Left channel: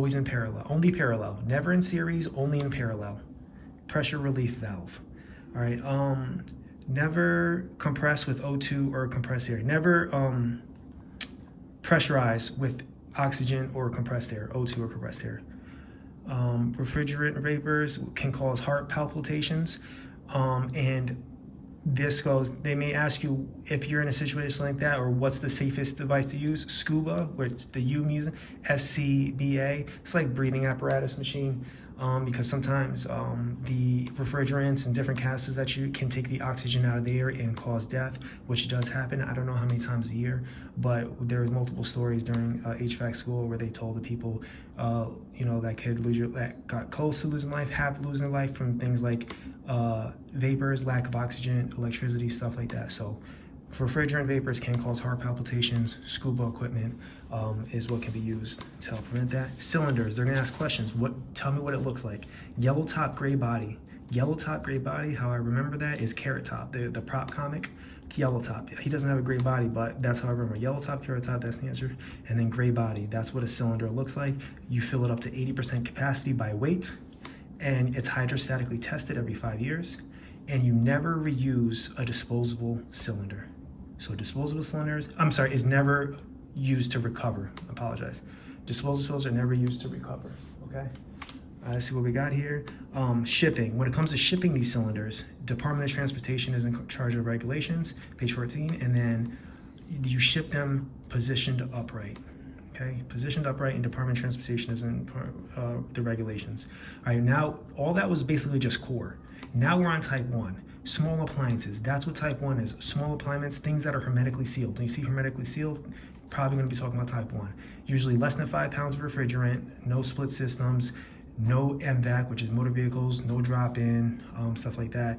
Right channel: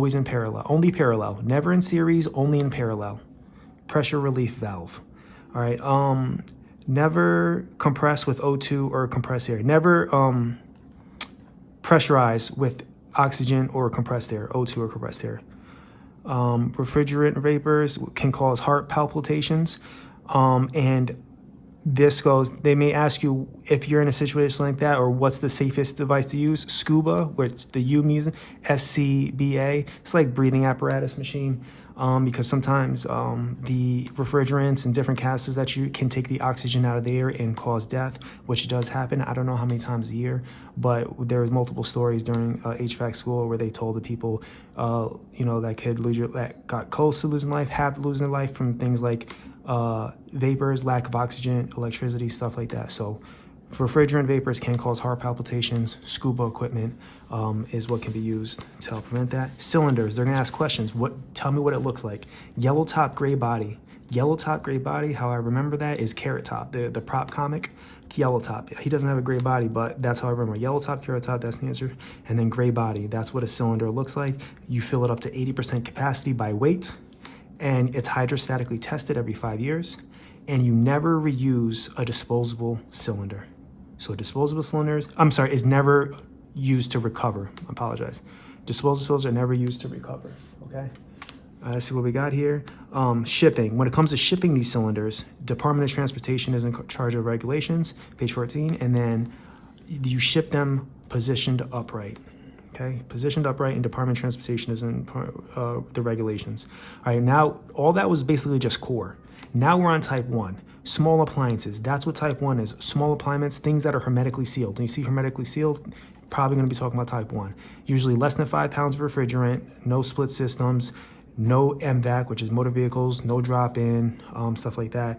always in parallel, only parallel, never in series, only in parallel. Pressure relief valve. All right, never compress with O2 or compressed air. Never pressurize with oxygen or compressed air, O2 or compressed air. Refrigerant vapors can cause heart palpitations, and this goes, they may ask you if you're in a situation like that, or what's the safest device to use. Scuba, which the U means SCBA, it's like breathing apparatus machine, because sometimes the refrigerants and different gases that you can take the oxygen out of the air and cause death, which does happen. I don't know how many times a year, but there was multiple stories during HVAC school where they told the people, that that got close to losing life, have losing life from things like vapors, lack of oxygen, electricity, stuff like that. So refrigerant vapors can cause heart palpitations. Scuba equipment is what can be used to help prevent that. Cylinders, they're gonna ask questions. Tell me what it looks like. Yellow top, gray body. Yellow top, gray body, how I remember that is Carrot Top, the prop comic. Yellow top, he doesn't have a gray body, but that's how I remember. Yellow top, carrot top, that's the answer. And then gray body, that's what a cylinder looks like. You fill it up to 80% capacity by weight, and it's hydrostatically tested every 5 years, and you never reuse a disposable cylinder. So disposable cylinders, is never used to recover. I apologize. Disposable cylinders are never used to recover, okay? Let's see what we got here. Shipping. When it comes to shipping these cylinders, Department of Transportation is in charge of regulations, page 14, and then you ship them positioned upright. Okay, positioned upright, and Department of Transportation is in the regulations. All right, now all that was basically just core. Now we're on type 1, small appliances. That's what type 1 is, small appliances, things that are hermetically sealed. When you see hermetically sealed, probably gonna be talking about type 1. Usually less than 5 pounds of refrigerant, no split systems, no MVAC, which is motor vehicles, no drop-in, stuff like that.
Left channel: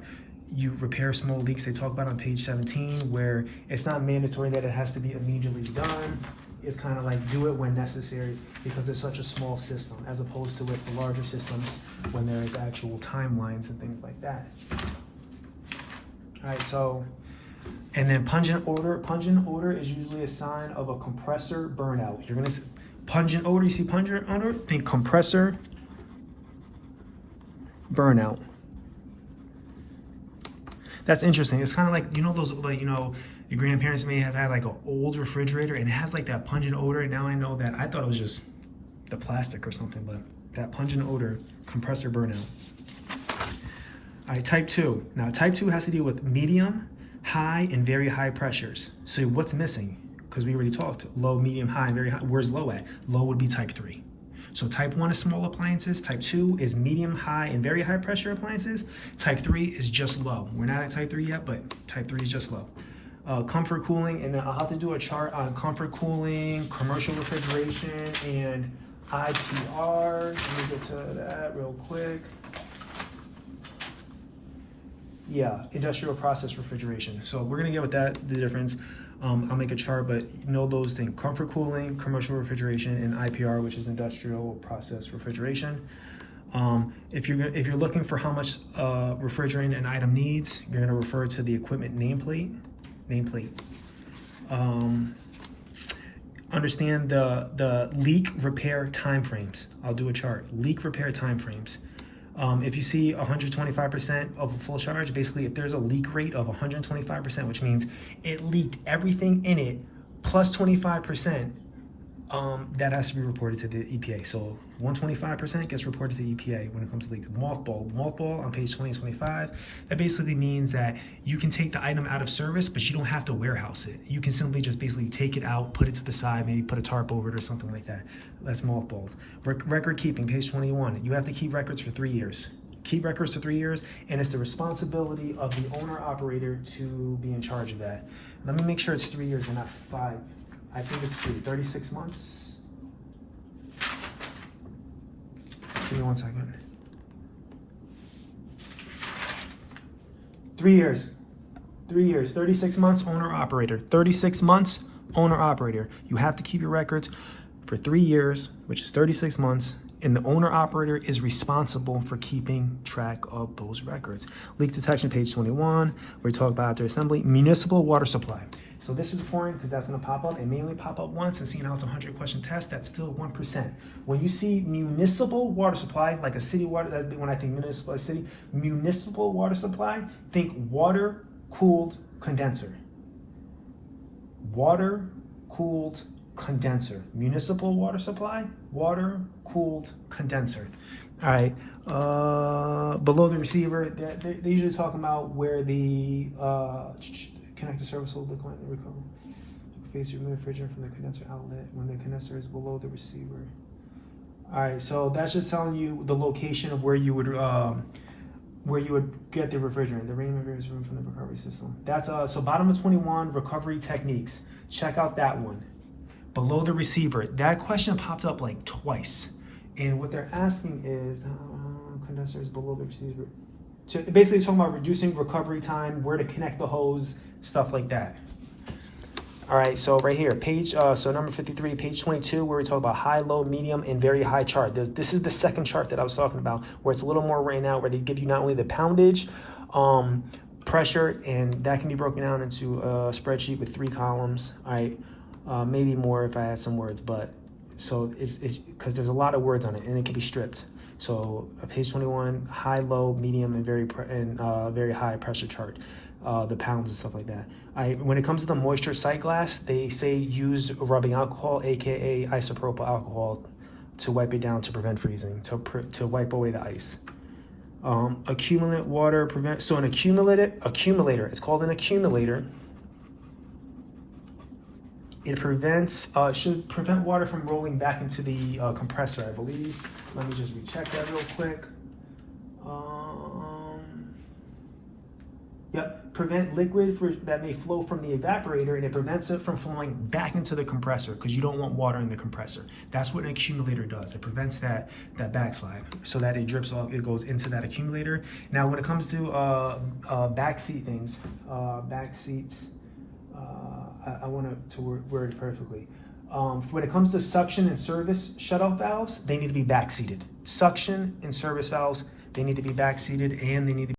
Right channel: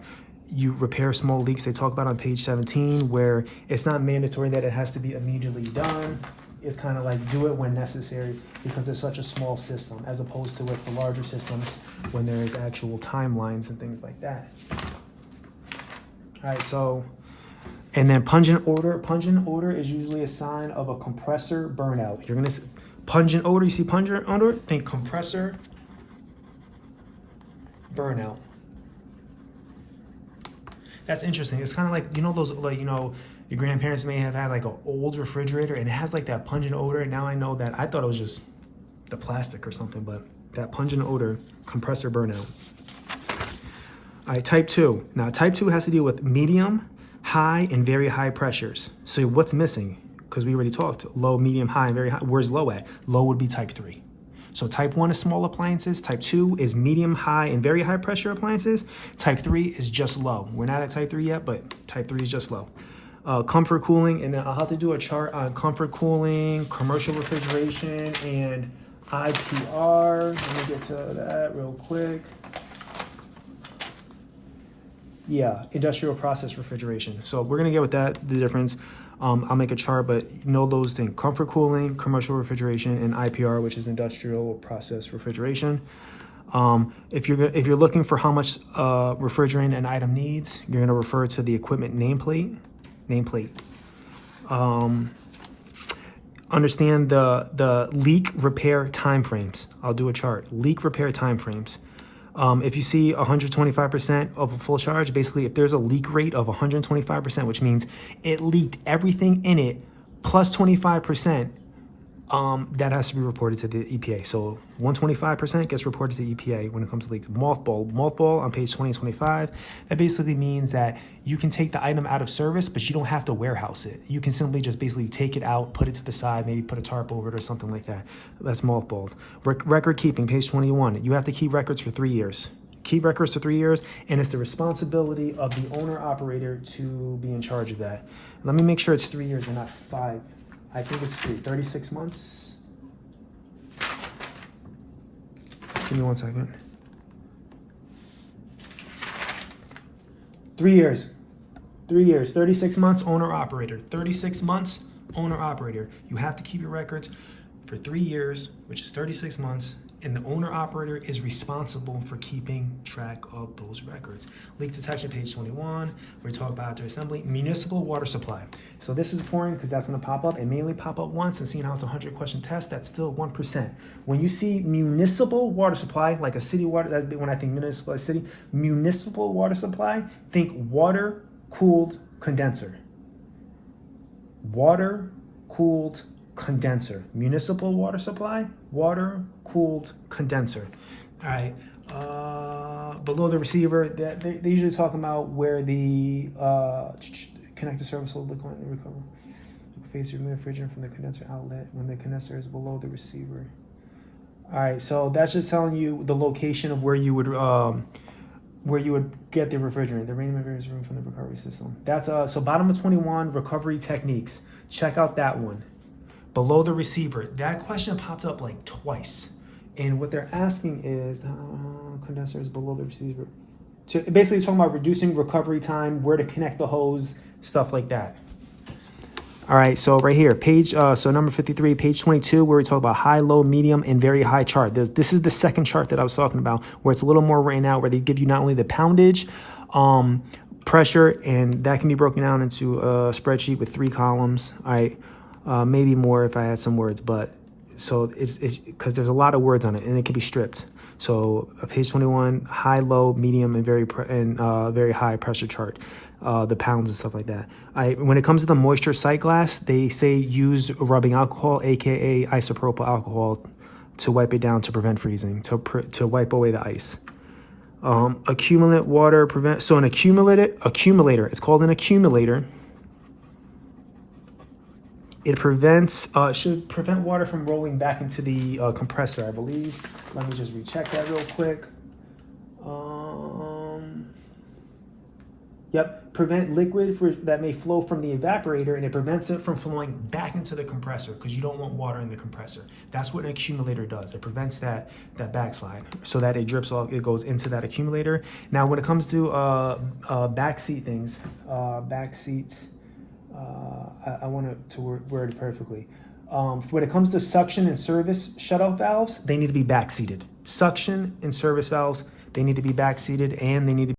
You repair small leaks, they talk about on page 17, where it's not mandatory that it has to be immediately done. It's kind of like do it when necessary, because it's such a small system, as opposed to with the larger systems when there is actual timelines and things like that. All right, so, and then pungent odor. Pungent odor is usually a sign of a compressor burnout. You're gonna see pungent odor, you see pungent odor, think compressor burnout. That's interesting. It's kind of like, those, your grandparents may have had like an old refrigerator and it has like that pungent odor. And now I know that, I thought it was just the plastic or something, but that pungent odor, compressor burnout. All right, type 2. Now type 2 has to deal with medium, high, and very high pressures. So what's missing? Because we already talked, low, medium, high, and very high. Where's low at? Low would be type 3. So type 1 is small appliances, type 2 is medium, high, and very high pressure appliances. Type 3 is just low. We're not at type 3 yet, but type 3 is just low. Comfort cooling, and then I'll have to do a chart on comfort cooling, commercial refrigeration, and IPR. Let me get to that real quick. Yeah, industrial process refrigeration. So we're gonna get with that, the difference. I'll make a chart, but know those things: comfort cooling, commercial refrigeration, and IPR, which is industrial process refrigeration. If you're looking for how much refrigerant an item needs, you're gonna refer to the equipment nameplate. Understand the leak repair timeframes. I'll do a chart. Leak repair timeframes. If you see 125% of a full charge, basically if there's a leak rate of 125%, which means it leaked everything in it plus 25%, that has to be reported to the EPA. So 125% gets reported to the EPA when it comes to leaks. Mothball on page 20 and 25, that basically means that you can take the item out of service, but you don't have to warehouse it. You can simply just basically take it out, put it to the side, maybe put a tarp over it or something like that. That's mothballed. Record keeping, page 21. You have to keep records for 3 years. Keep records for 3 years, and it's the responsibility of the owner-operator to be in charge of that. Let me make sure it's 3 years and not 5. I think it's 36 months. Give me 1 second. 3 years. 3 years. 36 months, owner-operator. 36 months, owner-operator. You have to keep your records for 3 years, which is 36 months, and the owner-operator is responsible for keeping track of those records. Leak detection, page 21, where we talk about after assembly. Municipal water supply. So this is important because that's going to pop up. It may only pop up once, and seeing how it's a 100-question test, that's still 1%. When you see municipal water supply, like a city water, that's when I think municipal city, municipal water supply, think water-cooled condenser. Water-cooled condenser. Municipal water supply, water-cooled condenser. All right. Below the receiver, they're usually talking about where the connected service will look like the recover. Face your refrigerant from the condenser outlet when the condenser is below the receiver. All right, so that's just telling you the location of where you would get the refrigerant. The rain is room from the recovery system. That's so bottom of 21 recovery techniques. Check out that one. Below the receiver. That question popped up like twice, and what they're asking is condenser is below the receiver. So basically talking about reducing recovery time, where to connect the hose, stuff like that. All right, so right here, page, so number 53, page 22, where we talk about high, low, medium, and very high chart. This is the second chart that I was talking about, where it's a little more written out, where they give you not only the poundage, pressure, and that can be broken down into a spreadsheet with 3 columns. All right, maybe more if I had some words, but so it's because there's a lot of words on it, and it can be stripped. So page 21, high, low, medium, and very high pressure chart, the pounds and stuff like that. When it comes to the moisture sight glass, they say use rubbing alcohol, aka isopropyl alcohol, to wipe it down to prevent freezing, to wipe away the ice. Accumulate water prevent. So an accumulator. It's called an accumulator. It should prevent water from rolling back into the compressor, I believe. Let me just recheck that real quick. Yep, prevent liquid that may flow from the evaporator, and it prevents it from flowing back into the compressor because you don't want water in the compressor. That's what an accumulator does. It prevents that backslide so that it drips off, it goes into that accumulator. Now, when it comes to backseat things, backseats, I want to word it perfectly. When it comes to suction and service shutoff valves, they need to be backseated. Suction and service valves, they need to be backseated, and they need to